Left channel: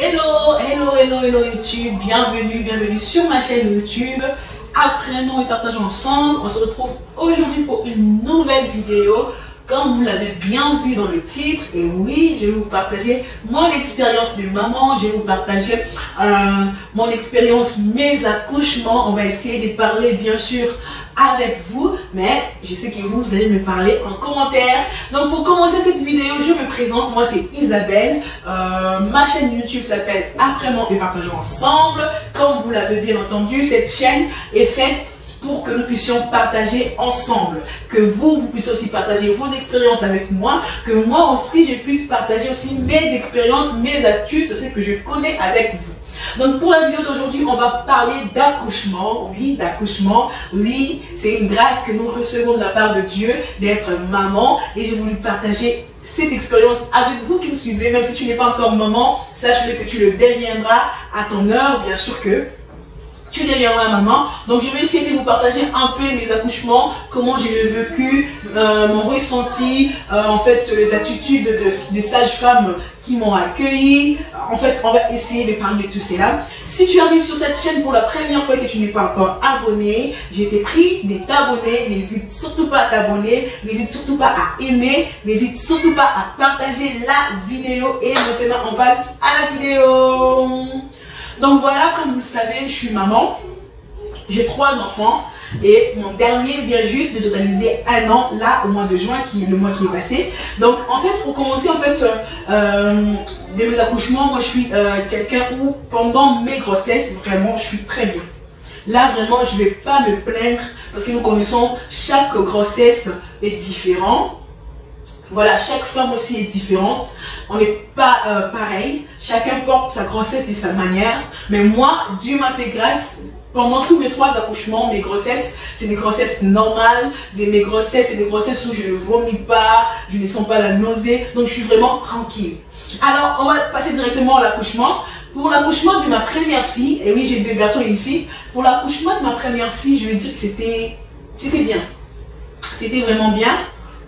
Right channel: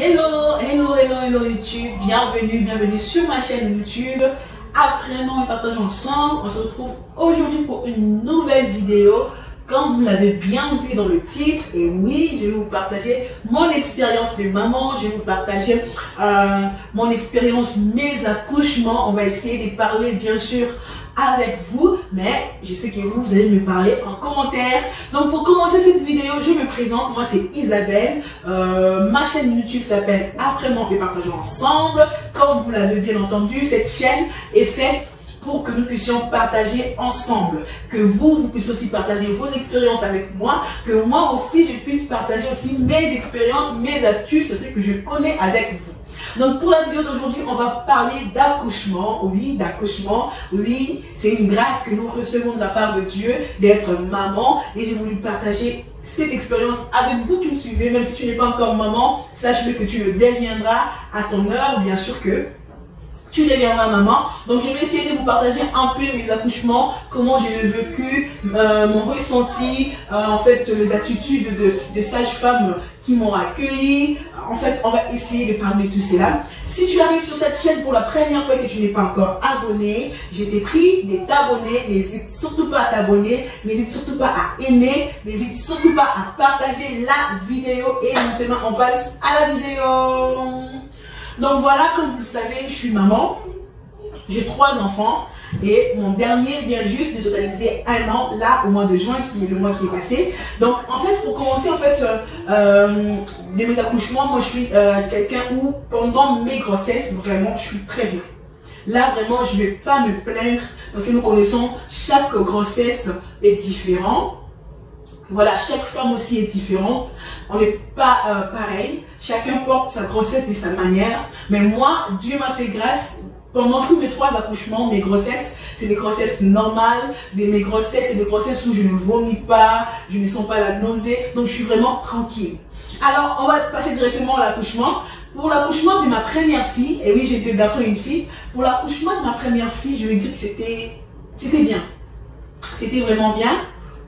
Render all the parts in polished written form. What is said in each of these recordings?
Hello YouTube, bienvenue sur ma chaîne YouTube. Apprenons et partageons ensemble. On se retrouve aujourd'hui pour une nouvelle vidéo. Comme vous l'avez bien vu dans le titre, et oui, je vais vous partager mon expérience de maman, je vais vous partager mon expérience, mes accouchements. On va essayer de parler bien sûr avec vous, mais je sais que vous allez me parler en commentaire. Donc pour commencer cette vidéo, je me présente, moi c'est Isabelle. Ma chaîne YouTube s'appelle Apprenons et partageons ensemble. Comme vous l'avez bien entendu, cette chaîne est faite pour que nous puissions partager ensemble, que vous puissiez aussi partager vos expériences avec moi, que moi aussi je puisse partager aussi mes expériences, mes astuces, ce que je connais avec vous. Donc pour la vidéo d'aujourd'hui, on va parler d'accouchement. Oui, d'accouchement. Oui, c'est une grâce que nous recevons de la part de Dieu d'être maman, et j'ai voulu partager cette expérience avec vous qui me suivez. Même si tu n'es pas encore maman, sache-le que tu le deviendras à ton heure, bien sûr que tu deviendras maman. Donc je vais essayer de vous partager un peu mes accouchements, comment j'ai vécu, mon ressenti, en fait les attitudes de sages-femmes qui m'ont accueilli. En fait, on va essayer de parler de tout cela. Si tu arrives sur cette chaîne pour la première fois et que tu n'es pas encore abonné, je t'ai pris de t'abonner. N'hésite surtout pas à t'abonner, n'hésite surtout pas à aimer, n'hésite surtout pas à partager la vidéo. Et maintenant, on passe à la vidéo. Donc voilà, comme vous le savez, je suis maman, j'ai 3 enfants et mon dernier vient juste de totaliser 1 an, là, au mois de juin, qui est le mois qui est passé. Donc en fait, pour commencer, en fait, de mes accouchements, moi je suis quelqu'un où pendant mes grossesses, vraiment, je suis très bien. Là, vraiment, je ne vais pas me plaindre parce que nous connaissons, chaque grossesse est différente. Voilà, chaque femme aussi est différente. On n'est pas pareil. Chacun porte sa grossesse de sa manière. Mais moi, Dieu m'a fait grâce. Pendant tous mes 3 accouchements, mes grossesses, c'est des grossesses normales. Mes grossesses, c'est des grossesses où je ne vomis pas, je ne sens pas la nausée. Donc, je suis vraiment tranquille. Alors, on va passer directement à l'accouchement. Pour l'accouchement de ma première fille, et oui, j'ai 2 garçons et une fille. Pour l'accouchement de ma première fille, je vais dire que c'était bien. C'était vraiment bien.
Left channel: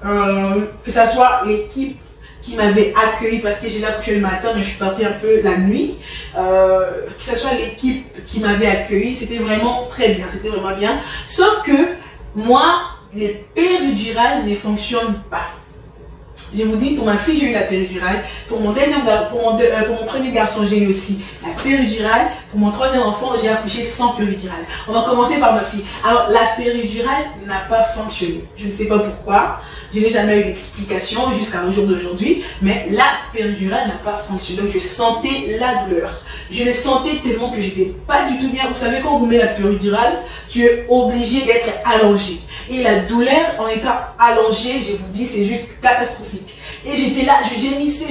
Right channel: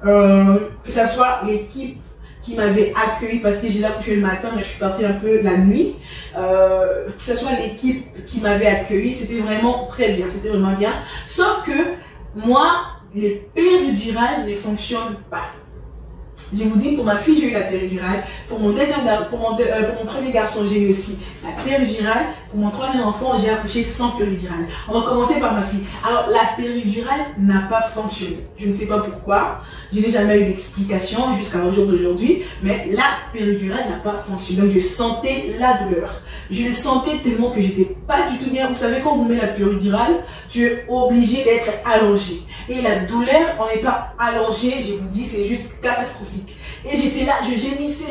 Que ça soit l'équipe qui m'avait accueilli parce que j'ai accouché le matin mais je suis partie un peu la nuit, que ce soit l'équipe qui m'avait accueilli, c'était vraiment très bien, c'était vraiment bien, sauf que moi les péridurales ne fonctionnent pas. Je vous dis, pour ma fille, j'ai eu la péridurale. Pour mon premier garçon, j'ai eu aussi la péridurale. Pour mon 3e enfant, j'ai accouché sans péridurale. On va commencer par ma fille. Alors, la péridurale n'a pas fonctionné. Je ne sais pas pourquoi. Je n'ai jamais eu d'explication jusqu'à jour d'aujourd'hui. Mais la péridurale n'a pas fonctionné. Donc, je sentais la douleur. Je le sentais tellement que j'étais pas du tout bien. Vous savez, quand on vous met la péridurale, tu es obligé d'être allongé. Et la douleur, en étant allongé, je vous dis, c'est juste catastrophique. Et j'étais là, je gémissais.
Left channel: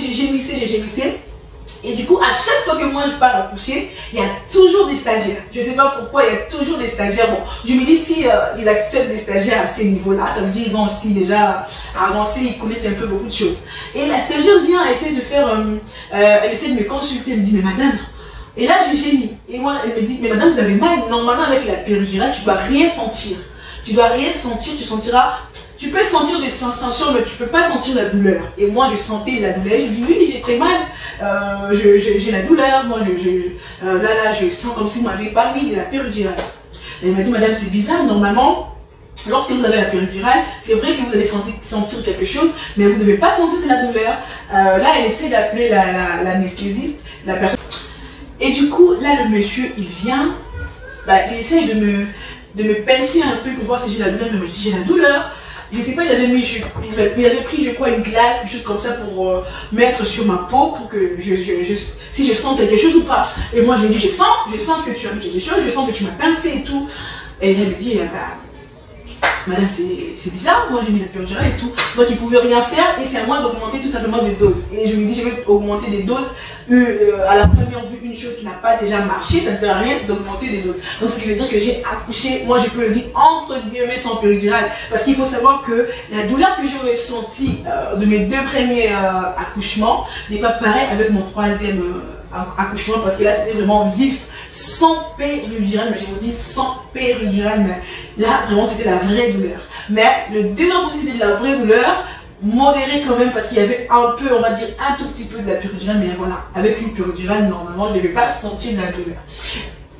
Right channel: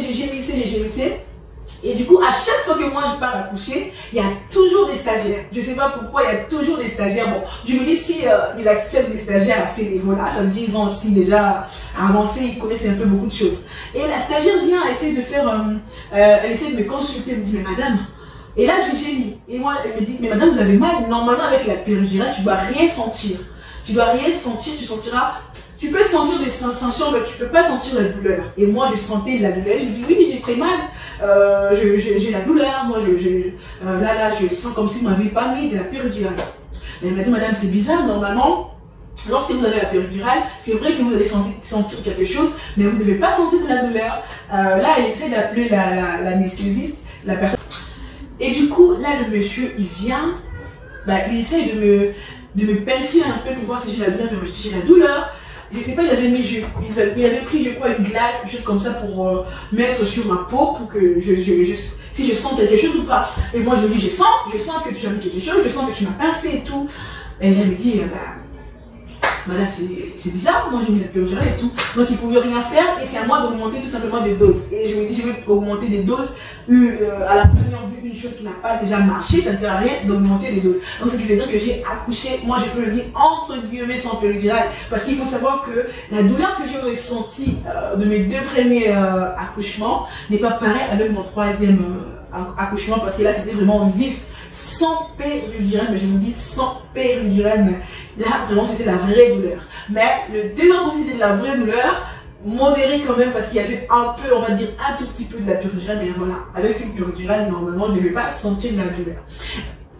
Et du coup, à chaque fois que moi je pars accoucher, il y a toujours des stagiaires. Je ne sais pas pourquoi, il y a toujours des stagiaires. Bon, je me dis, si ils acceptent des stagiaires à ces niveaux-là, ça veut dire qu'ils ont aussi déjà avancé, ils connaissent un peu beaucoup de choses. Et la stagiaire vient, elle essaie de faire, elle essaie de me consulter, elle me dit, mais madame, et là je gémis. Et moi, elle me dit, mais madame, vous avez mal. Normalement, avec la péridurale, tu ne dois rien sentir. Tu dois rien sentir, tu sentiras, tu peux sentir des sensations, mais tu peux pas sentir la douleur. Et moi, je sentais la douleur. Je me dis, oui, j'ai très mal, j'ai la douleur. Moi, là, je sens comme si vous m'avez pas mis de la péridurale. Elle m'a dit, madame, c'est bizarre, normalement, lorsque vous avez la péridurale, c'est vrai que vous allez sentir quelque chose, mais vous ne devez pas sentir de la douleur. Là, elle essaie d'appeler l'anesthésiste, la personne. Et du coup, là, le monsieur, il vient, il essaie de me pincer un peu pour voir si j'ai la douleur, mais moi je dis j'ai la douleur. Je sais pas, il avait pris je crois une glace, quelque chose comme ça pour mettre sur ma peau pour que si je sens quelque chose ou pas. Et moi je lui ai dit je sens que tu as mis quelque chose, je sens que tu m'as pincé et tout. Et elle me dit madame, c'est bizarre, moi j'ai mis la péridurale et tout. Donc il ne pouvait rien faire et c'est à moi d'augmenter tout simplement les doses. Et je lui ai dit, je vais augmenter les doses. À la première vue, une chose qui n'a pas déjà marché, ça ne sert à rien d'augmenter les doses. Donc ce qui veut dire que j'ai accouché, moi je peux le dire entre guillemets sans péridurale. Parce qu'il faut savoir que la douleur que j'ai ressentie de mes 2 premiers accouchements n'est pas pareille avec mon 3e accouchement. Parce que là c'était vraiment vif. Sans péridurale, mais je vous dis sans péridurale, mais là vraiment c'était la vraie douleur. Mais le 2 autres c'était de la vraie douleur. modéré quand même parce qu'il y avait un peu, on va dire, un tout petit peu de la péridurale, mais voilà, avec une péridurale, normalement, je ne vais pas sentir de la douleur.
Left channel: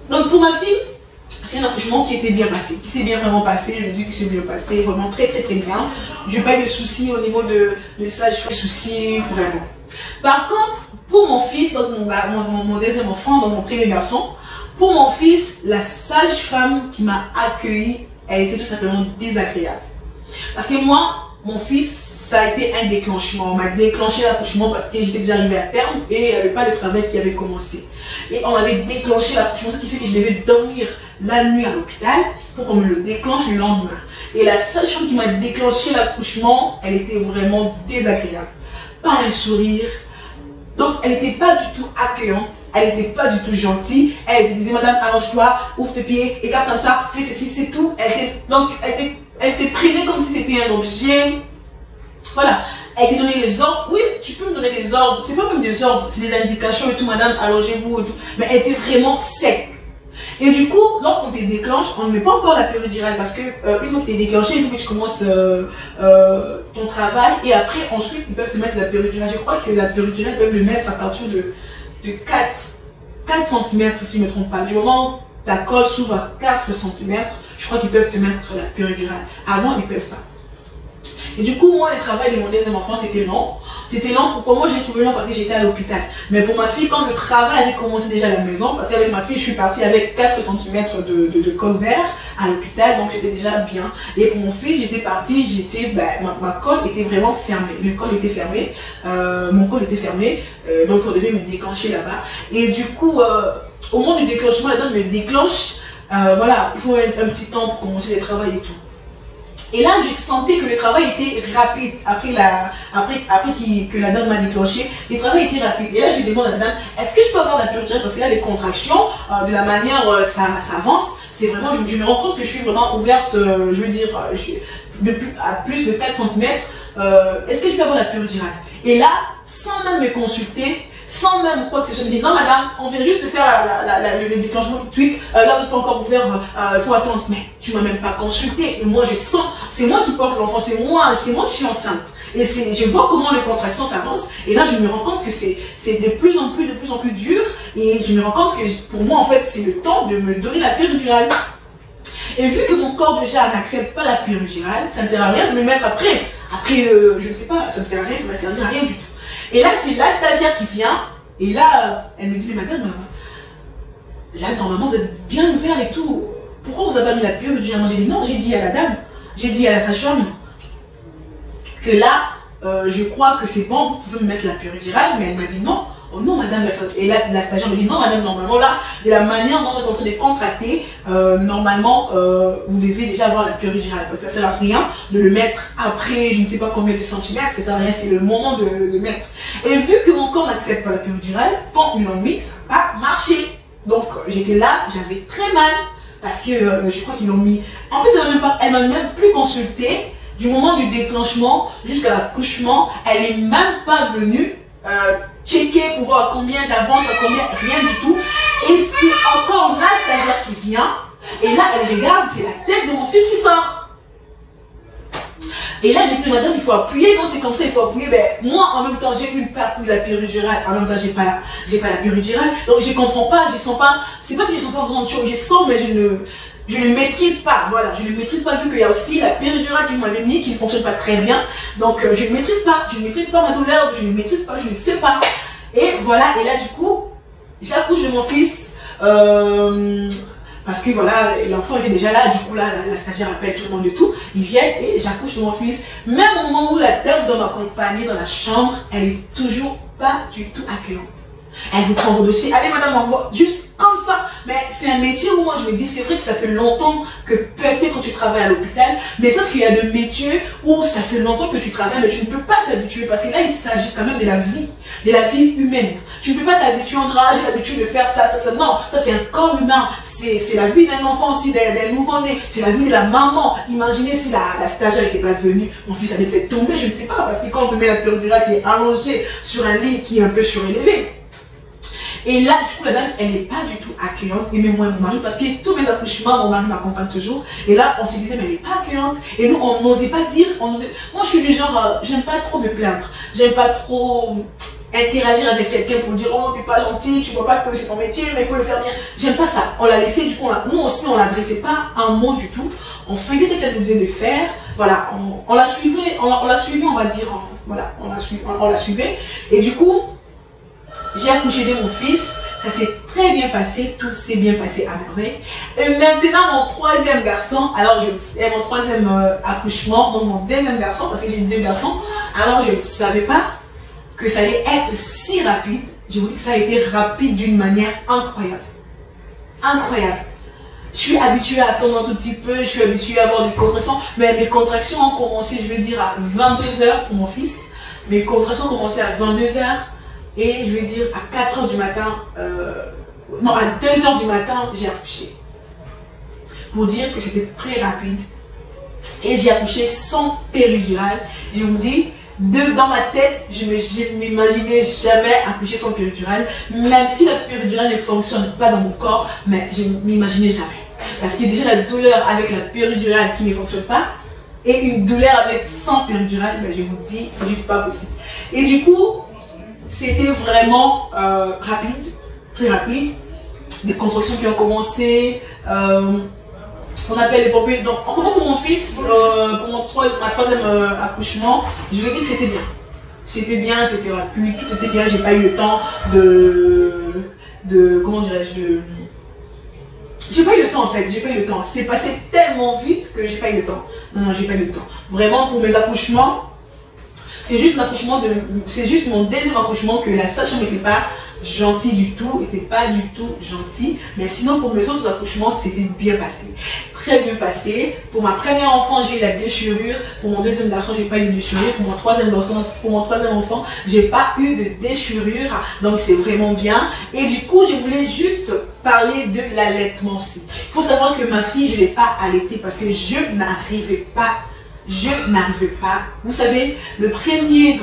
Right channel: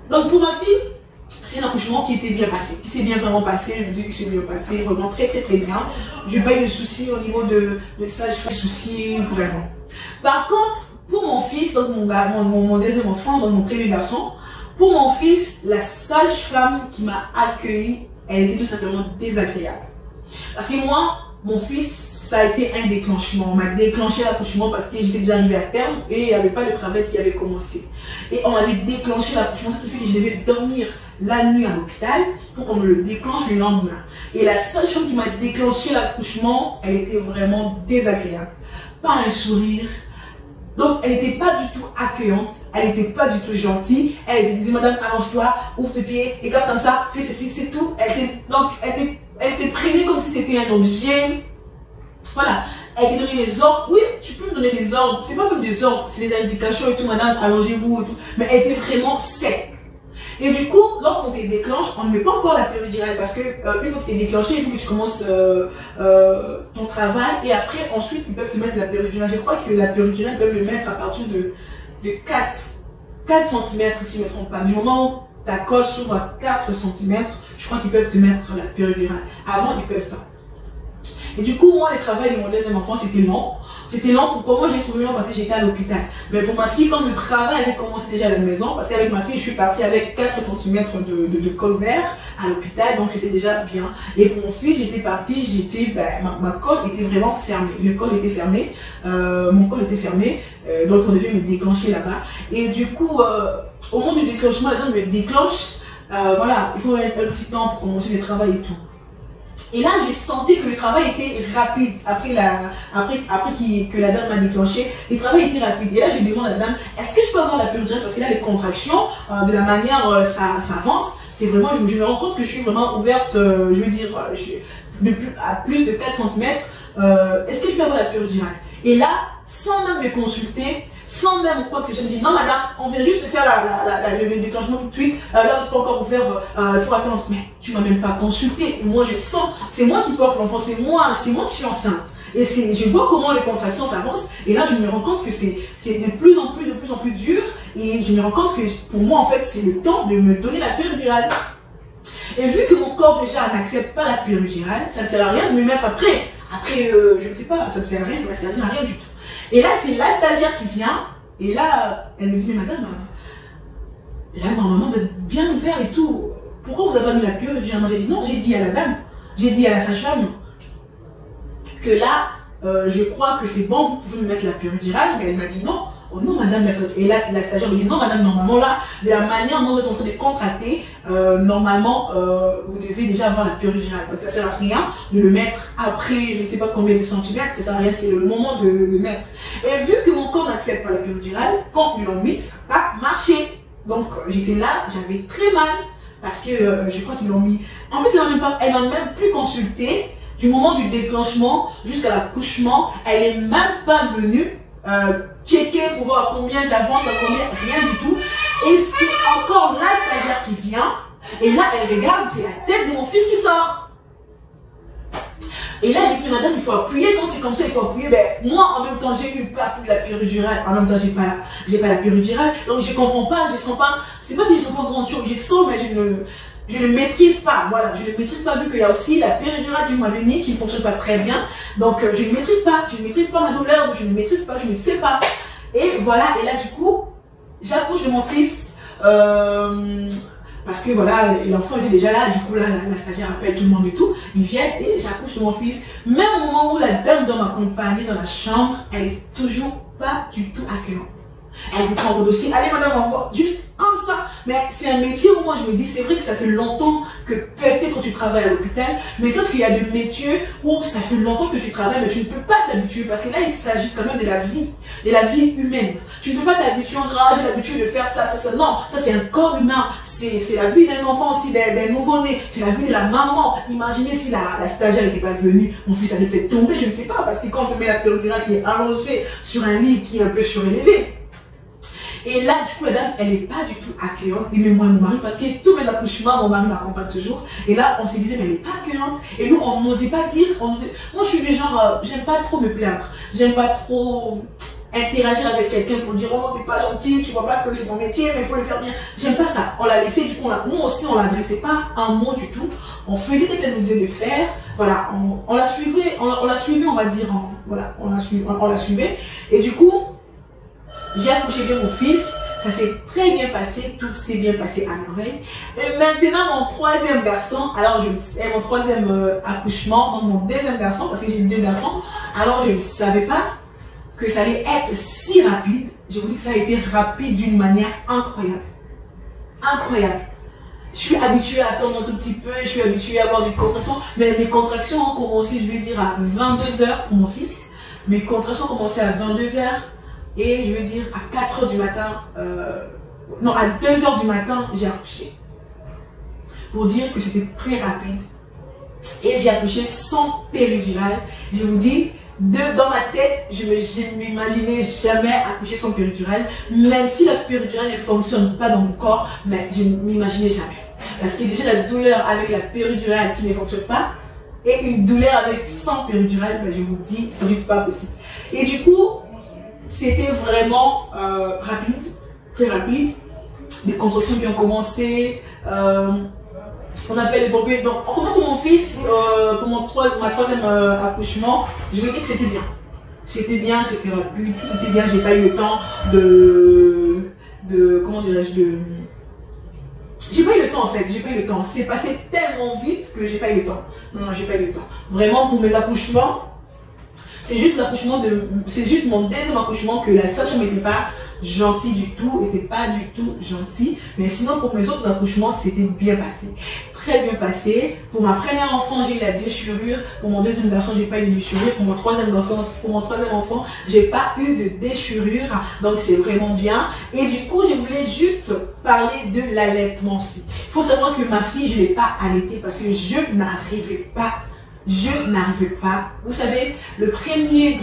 Donc pour ma fille, c'est un accouchement qui était bien passé, qui s'est bien vraiment passé, je me dis qu'il s'est bien passé, vraiment très bien. Je n'ai pas eu de soucis au niveau de ça, je fais soucis vraiment. Par contre, pour mon fils, donc mon deuxième enfant, donc mon premier garçon, pour mon fils, la sage-femme qui m'a accueilli, elle était tout simplement désagréable. Parce que moi, mon fils, ça a été un déclenchement. On m'a déclenché l'accouchement parce que j'étais déjà arrivée à terme et il n'y avait pas de travail qui avait commencé. Et on avait déclenché l'accouchement, ce qui fait que je devais dormir la nuit à l'hôpital pour qu'on me le déclenche le lendemain. Et la sage-femme qui m'a déclenché l'accouchement, elle était vraiment désagréable. Pas un sourire. Donc, elle n'était pas du tout accueillante, elle n'était pas du tout gentille. Elle disait, madame, arrange-toi, ouvre tes pieds, et garde comme ça, fais ceci, c'est tout. Elle était prenée comme si c'était un objet. Voilà, elle t'a donné les ordres. Oui, tu peux me donner des ordres. C'est pas même des ordres, c'est des indications et tout, madame, allongez-vous et tout. Mais elle était vraiment sec. Et du coup, lorsqu'on te déclenche, on ne met pas encore la péridurale parce que une fois que tu es déclenché, il faut que tu commences ton travail et après, ensuite, ils peuvent te mettre la péridurale. Je crois que la péridurale, ils peuvent le mettre à partir de 4 cm, si je ne me trompe pas. Du moment où ta colle s'ouvre à 4 cm, je crois qu'ils peuvent te mettre la péridurale. Avant, ils ne peuvent pas. Et du coup, moi, le travail de mon deuxième enfant, c'était long. C'était long. Pourquoi moi, je l'ai trouvé long? Parce que j'étais à l'hôpital. Mais pour ma fille, comme le travail avait commencé déjà à la maison, parce qu'avec ma fille, je suis partie avec 4 cm de col vert à l'hôpital, donc j'étais déjà bien. Et pour mon fils, j'étais partie, ma colle était vraiment fermée. Le col était fermé, mon col était fermé, donc on devait me déclencher là-bas. Et du coup, au moment du déclenchement, la dame me déclenche. Voilà, il faut un petit temps pour commencer le travail et tout. Et là, je sentais que le travail était rapide. Après que la dame m'a déclenché, le travail était rapide. Et là, je demande à la dame, est-ce que je peux avoir la péridurale? Parce que là, les contractions, de la manière ça avance, c'est vraiment, je me rends compte que je suis vraiment ouverte, je veux dire, à plus de 4 cm. Est-ce que je peux avoir la péridurale? Et là, sans même me consulter, sans même quoi que ce soit, je me dis non madame, on vient juste de faire le déclenchement tout de suite, là vous n'êtes pas encore ouvert, il faut attendre. Mais tu m'as même pas consulté et moi je sens, c'est moi qui porte l'enfant, c'est moi qui suis enceinte. Et je vois comment les contractions s'avancent et là je me rends compte que c'est de plus en plus dur et je me rends compte que pour moi en fait c'est le temps de me donner la péridurale. Et vu que mon corps déjà n'accepte pas la péridurale, ça ne sert à rien de me mettre après, je ne sais pas, ça ne sert à rien, ça ne va servir à rien du tout. Et là, c'est la stagiaire qui vient, et là, elle me dit, mais madame, là, normalement, vous êtes bien ouvert et tout. Pourquoi vous n'avez pas mis la péridurale? J'ai dit non, j'ai dit à la dame, j'ai dit à la sage-femme que là, je crois que c'est bon, vous pouvez me mettre la péridurale, mais elle m'a dit non. Oh non, madame, et là, la stagiaire me dit non, madame, normalement, là, de la manière dont vous êtes en train de contracter, normalement, vous devez déjà avoir la péridurale. Donc, ça ne sert à rien de le mettre après, je ne sais pas combien de centimètres, ça ne sert à rien, c'est le moment de le mettre. Et vu que mon corps n'accepte pas la péridurale, quand ils l'ont mis, ça n'a pas marché. Donc, j'étais là, j'avais très mal, parce que je crois qu'ils l'ont mis. En plus, elle m'a même plus consulté du moment du déclenchement jusqu'à l'accouchement. Elle n'est même pas venue checker pour voir combien j'avance, combien, rien du tout. Et c'est encore la stagiaire qui vient. Et là, elle regarde, c'est la tête de mon fils qui sort. Et là, elle me dit, madame, il faut appuyer. Quand c'est comme ça, il faut appuyer. Ben, moi, en même temps, j'ai eu une partie de la péridurale. En même temps, j'ai pas la péridurale. Donc, je comprends pas, je sens pas. C'est pas que je sens pas grande chose. Je sens, mais je ne maîtrise pas. Voilà, je ne maîtrise pas vu qu'il y a aussi la péridurale qui m'avait mis qui ne fonctionne pas très bien. Donc, je ne maîtrise pas. Je ne maîtrise pas ma douleur. Je ne maîtrise pas. Je ne sais pas. Et voilà. Et là, du coup, j'accouche de mon fils. Parce que voilà, l'enfant était déjà là, du coup là, la stagiaire appelle tout le monde et tout, ils viennent et j'accouche de mon fils. Même au moment où la dame doit m'accompagner dans la chambre, elle est toujours pas du tout accueillante. Elle vous prend vos dossiers, allez madame, au revoir, juste comme ça. Mais c'est un métier où moi je me dis, c'est vrai que ça fait longtemps que peut-être quand tu travailles à l'hôpital, mais c'est ce qu'il y a de métiers où ça fait longtemps que tu travailles, mais tu ne peux pas t'habituer parce que là il s'agit quand même de la vie humaine. Tu ne peux pas t'habituer, on dira, j'ai l'habitude de faire ça. Non, ça c'est un corps humain, c'est la vie d'un enfant aussi, d'un nouveau-né, c'est la vie de la maman. Imaginez si la stagiaire n'était pas venue, mon fils allait peut-être tomber, je ne sais pas, parce que quand on te met la péridurale qui est allongée sur un lit qui est un peu surélevé. Et là, du coup, la dame, elle n'est pas du tout accueillante. Et même moi et mon mari, parce que tous mes accouchements, mon mari m'accompagne toujours. Et là, on se disait, mais elle n'est pas accueillante. Et nous, on n'osait pas dire. Moi, je suis du genre, j'aime pas trop me plaindre. J'aime pas trop interagir avec quelqu'un pour lui dire, oh, t'es pas gentil, tu vois pas que c'est ton métier, mais il faut le faire bien. J'aime pas ça. On l'a laissé, du coup, nous aussi, on l'adressait pas un mot du tout. On faisait ce qu'elle nous disait de faire. Voilà, on la suivait, on la suivait, on va dire. Voilà, on la suivait. Et du coup, j'ai accouché de mon fils. Ça s'est très bien passé, tout s'est bien passé à merveille. Et maintenant, mon troisième garçon, alors mon troisième accouchement, donc mon deuxième garçon, parce que j'ai deux garçons, alors je ne savais pas que ça allait être si rapide. Je vous dis que ça a été rapide d'une manière incroyable. Incroyable. Je suis habituée à attendre un tout petit peu, je suis habituée à avoir des contractions, mais mes contractions ont commencé, je vais dire, à 22 h pour mon fils. Mes contractions ont commencé à 22 h. Et je vais dire à 4 h du matin, non à 2 h du matin, j'ai accouché. Pour dire que c'était très rapide. Et j'ai accouché sans péridurale. Je vous dis, dans ma tête, je ne m'imaginais jamais accoucher sans péridurale. Même si la péridurale ne fonctionne pas dans mon corps, mais je ne m'imaginais jamais. Parce que déjà la douleur avec la péridurale qui ne fonctionne pas, et une douleur avec sans péridurale, mais je vous dis, c'est juste pas possible. Et du coup, c'était vraiment rapide, très rapide. Des contractions qui ont commencé. On appelle les pompiers. Donc, en comptant pour mon fils, pour ma troisième accouchement, je vais dire que c'était bien. C'était bien, c'était rapide, tout était bien. J'ai pas eu le temps comment dirais-je, j'ai pas eu le temps en fait, j'ai pas eu le temps. C'est passé tellement vite que j'ai pas eu le temps. Non, j'ai pas eu le temps. Vraiment, pour mes accouchements, c'est juste mon deuxième accouchement que la sage-femme n'était pas gentille du tout, n'était pas du tout gentille. Mais sinon, pour mes autres accouchements, c'était bien passé. Très bien passé. Pour ma première enfant, j'ai eu la déchirure. Pour mon deuxième garçon, j'ai pas eu de déchirure. Pour mon troisième enfant, j'ai pas eu de déchirure. Donc, c'est vraiment bien. Et du coup, je voulais juste parler de l'allaitement aussi. Il faut savoir que ma fille, je ne l'ai pas allaitée parce que je n'arrivais pas. Vous savez, le premier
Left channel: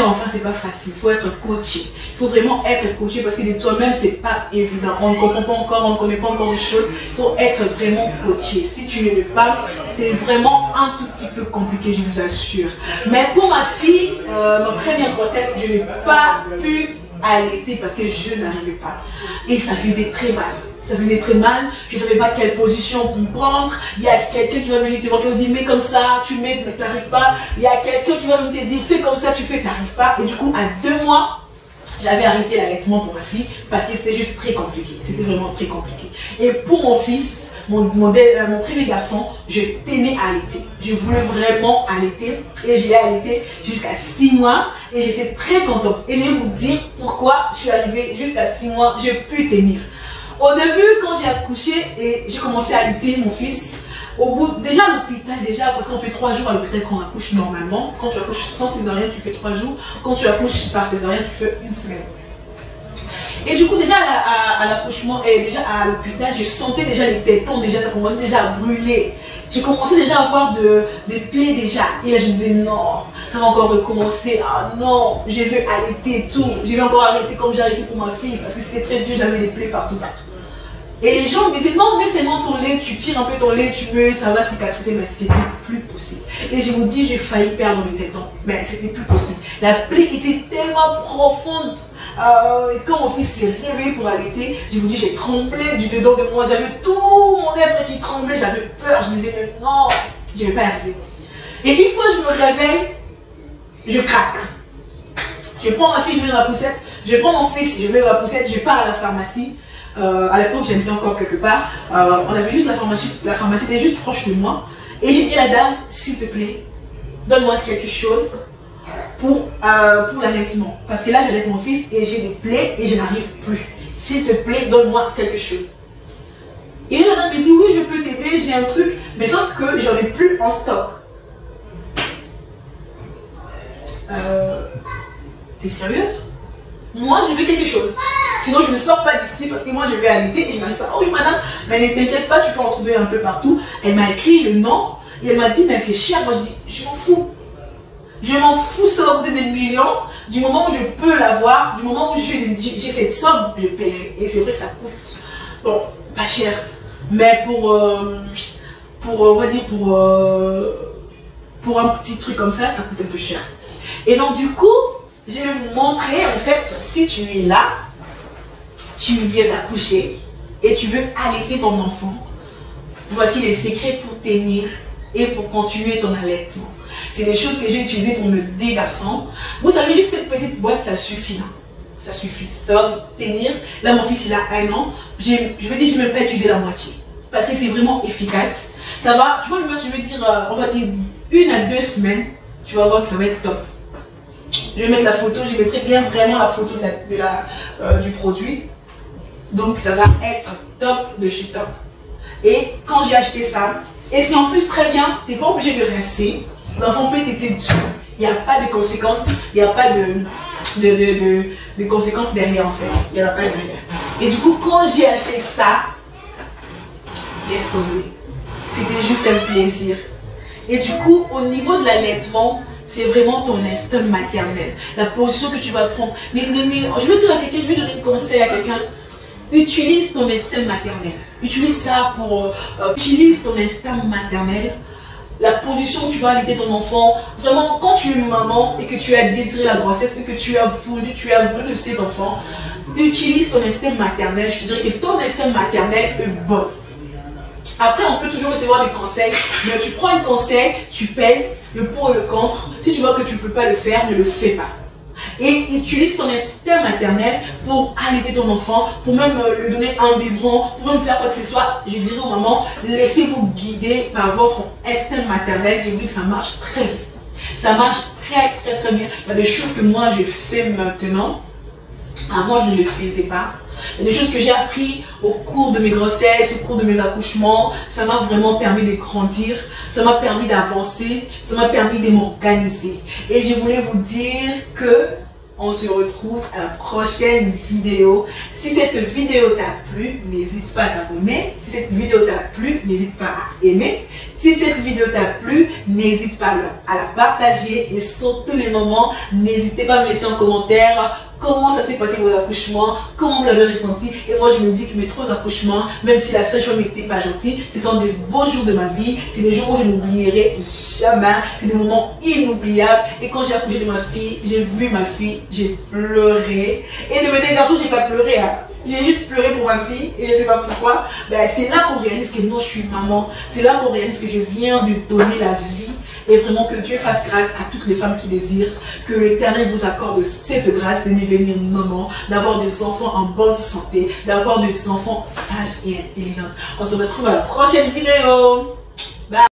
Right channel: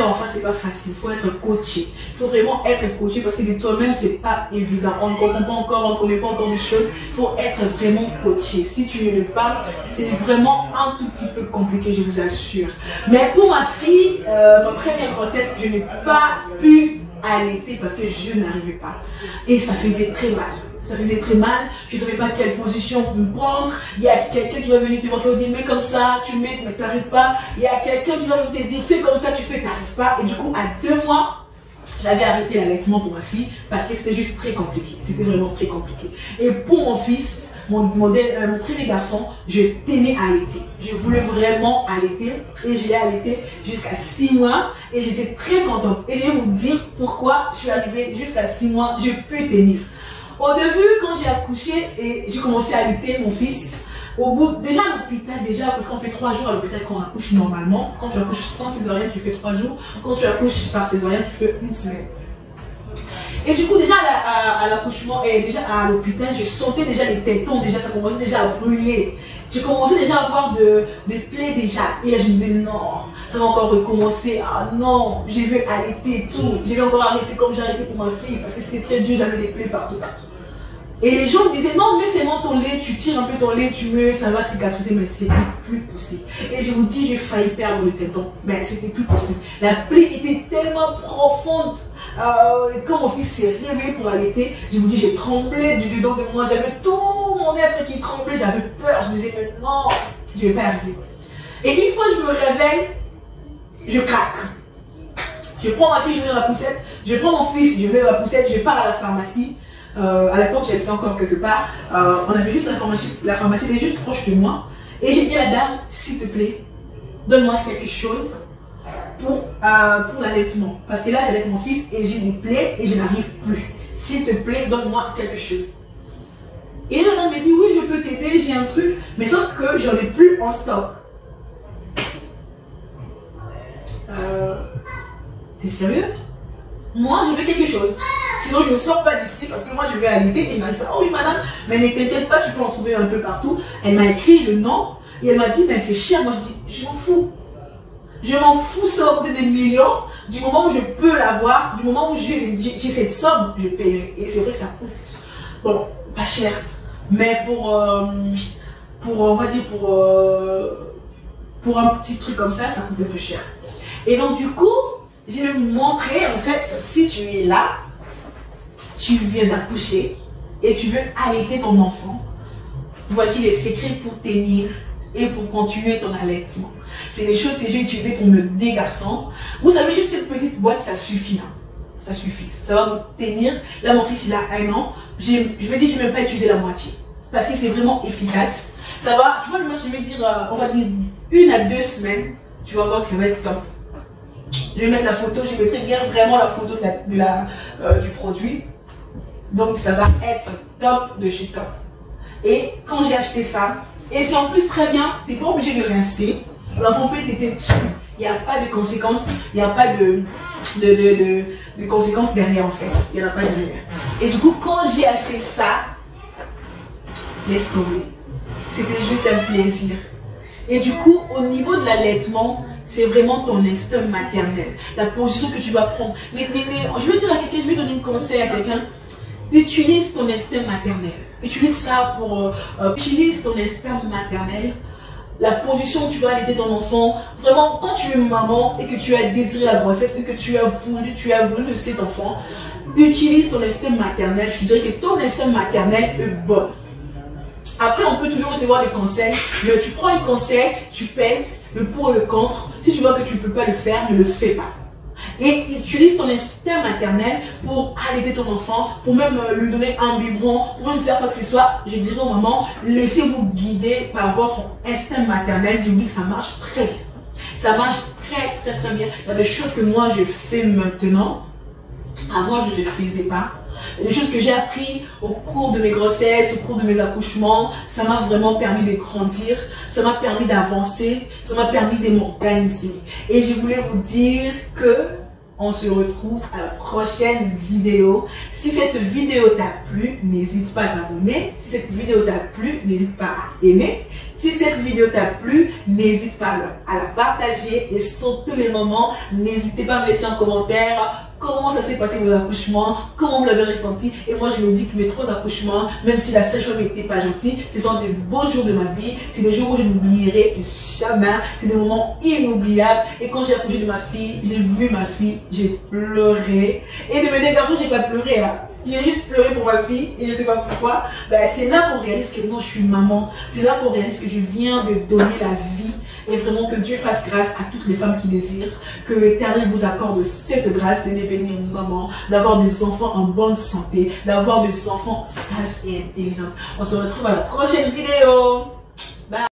enfant, c'est pas facile. Il faut être coaché. Il faut vraiment être coaché parce que de toi-même, c'est pas évident. On ne comprend pas encore, on ne connaît pas encore les choses. Il faut être vraiment coaché. Si tu ne l'es pas, c'est vraiment un tout petit peu compliqué, je vous assure. Mais pour ma fille, ma première grossesse, je n'ai pas pu allaiter parce que je n'arrivais pas. Et ça faisait très mal. Ça faisait très mal, je ne savais pas quelle position prendre. Il y a quelqu'un qui va venir te voir, qui va dire, mets comme ça, tu mets, mais tu n'arrives pas. Il y a quelqu'un qui va venir te dire, fais comme ça, tu fais, tu n'arrives pas. Et du coup, à 2 mois, j'avais arrêté l'allaitement pour ma fille parce que c'était juste très compliqué. C'était vraiment très compliqué. Et pour mon fils, mon premier garçon, je tenais à allaiter. Je voulais vraiment allaiter et je l'ai allaité jusqu'à 6 mois et j'étais très contente. Et je vais vous dire pourquoi je suis arrivée jusqu'à 6 mois, je peux tenir. Au début, quand j'ai accouché et j'ai commencé à allaiter mon fils, au bout, déjà à l'hôpital, parce qu'on fait 3 jours à l'hôpital quand on accouche normalement. Quand tu accouches sans césarienne, tu fais 3 jours. Quand tu accouches par césarienne, tu fais 1 semaine. Et du coup, déjà à l'accouchement et déjà à l'hôpital, je sentais déjà les tétons, déjà ça commençait déjà à brûler. J'ai commencé déjà à avoir des plaies déjà. Et là, je me disais non, ça va encore recommencer. Ah non, je veux allaiter et tout. Je vais encore arrêter comme j'ai arrêté pour ma fille parce que c'était très dur, j'avais des plaies partout. Et les gens me disaient non, mais c'est bon ton lait, tu tires un peu ton lait, tu mets, ça va cicatriser, mais c'était plus possible. Et je vous dis, j'ai failli perdre le téton, mais c'était plus possible. La plaie était tellement profonde. Quand mon fils s'est réveillé pour allaiter, je vous dis, j'ai tremblé du dedans de moi, j'avais tout mon être qui tremblait, j'avais peur, je disais mais non, je ne vais pas arrêter. Et une fois je me réveille, je craque. Je prends ma fille, je mets dans la poussette, je prends mon fils, je mets dans la poussette, je pars à la pharmacie. À l'époque, j'habitais encore quelque part. On avait juste la pharmacie était juste proche de moi. Et j'ai dit à la dame, s'il te plaît, donne-moi quelque chose pour l'allaitement. Parce que là, j'allaite mon fils et j'ai des plaies et je n'arrive plus. S'il te plaît, donne-moi quelque chose. Et la dame me dit, oui, je peux t'aider, j'ai un truc. Mais sauf que j'en ai plus en stock. T'es sérieuse? Moi, je veux quelque chose. Sinon, je ne sors pas d'ici parce que moi, je vais allaiter et je n'arrive pas. Oh oui, madame, mais ne t'inquiète pas, tu peux en trouver un peu partout. Elle m'a écrit le nom et elle m'a dit, mais c'est cher. Moi, je dis, je m'en fous. Je m'en fous, ça va coûter des millions. Du moment où je peux l'avoir, du moment où j'ai cette somme, je paierai. Et c'est vrai que ça coûte, bon, pas cher. Mais on va dire, pour un petit truc comme ça coûte un peu cher. Et donc du coup, je vais vous montrer, en fait, si tu es là, tu viens d'accoucher et tu veux allaiter ton enfant. Voici les secrets pour tenir et pour continuer ton allaitement. C'est des choses que j'ai utilisées pour mes 2 garçons. Vous savez, juste cette petite boîte, ça suffit. Hein. Ça suffit. Ça va vous tenir. Là, mon fils, il a 1 an. Je vais dire, je n'ai même pas utilisé la moitié. Parce que c'est vraiment efficace. Ça va, tu vois, je vais dire, on va dire 1 à 2 semaines. Tu vas voir que ça va être top. Je vais mettre la photo. Je mettrai bien vraiment la photo du produit. Donc, ça va être top de chez top. Et quand j'ai acheté ça, et c'est en plus très bien, tu n'es pas obligé de rincer. L'enfant peut t'aider dessus. Il n'y a pas de conséquences, il n'y a pas de conséquences derrière en fait. Il n'y en a pas derrière. Et du coup, quand j'ai acheté ça, laisse tomber. C'était juste un plaisir. Et du coup, au niveau de l'allaitement, c'est vraiment ton instinct maternel. La position que tu vas prendre. Je vais dire à quelqu'un, je vais donner un conseil à quelqu'un. Utilise ton instinct maternel. Utilise ça pour... utilise ton instinct maternel. La position où tu vas allaiter ton enfant. Vraiment, quand tu es maman et que tu as désiré la grossesse et que tu as voulu de cet enfant, utilise ton instinct maternel. Je te dirais que ton instinct maternel est bon. Après, on peut toujours recevoir des conseils, mais tu prends un conseil, tu pèses le pour et le contre. Si tu vois que tu ne peux pas le faire, ne le fais pas. Et utilise ton instinct maternel pour allaiter ton enfant, pour même lui donner un biberon, pour même faire quoi que ce soit. Je dirais aux mamans, laissez-vous guider par votre instinct maternel. J'ai vu que ça marche très bien. Ça marche très bien. Il y a des choses que moi je fais maintenant. Avant, je ne le faisais pas. Il y a des choses que j'ai appris au cours de mes grossesses, au cours de mes accouchements. Ça m'a vraiment permis de grandir. Ça m'a permis d'avancer. Ça m'a permis de m'organiser. Et je voulais vous dire que on se retrouve à la prochaine vidéo. Si cette vidéo t'a plu, n'hésite pas à t'abonner. Si cette vidéo t'a plu, n'hésite pas à aimer. Si cette vidéo t'a plu, n'hésite pas à la partager. Et sur tous les moments, n'hésitez pas à me laisser en commentaire comment ça s'est passé vos accouchements, comment vous l'avez ressenti. Et moi, je me dis que mes 3 accouchements, même si la sage-femme n'était pas gentille, ce sont de beaux jours de ma vie. C'est des jours où je n'oublierai jamais. C'est des moments inoubliables. Et quand j'ai accouché de ma fille, j'ai vu ma fille, j'ai pleuré. Et de mes 2 garçons, j'ai pas pleuré. Hein. J'ai juste pleuré pour ma fille et je ne sais pas pourquoi. Ben, c'est là qu'on réalise que non, je suis maman. C'est là qu'on réalise que je viens de donner la vie. Et vraiment que Dieu fasse grâce à toutes les femmes qui désirent. Que l'Éternel vous accorde cette grâce de devenir maman, d'avoir des enfants en bonne santé, d'avoir des enfants sages et intelligents. On se retrouve à la prochaine vidéo. Bye.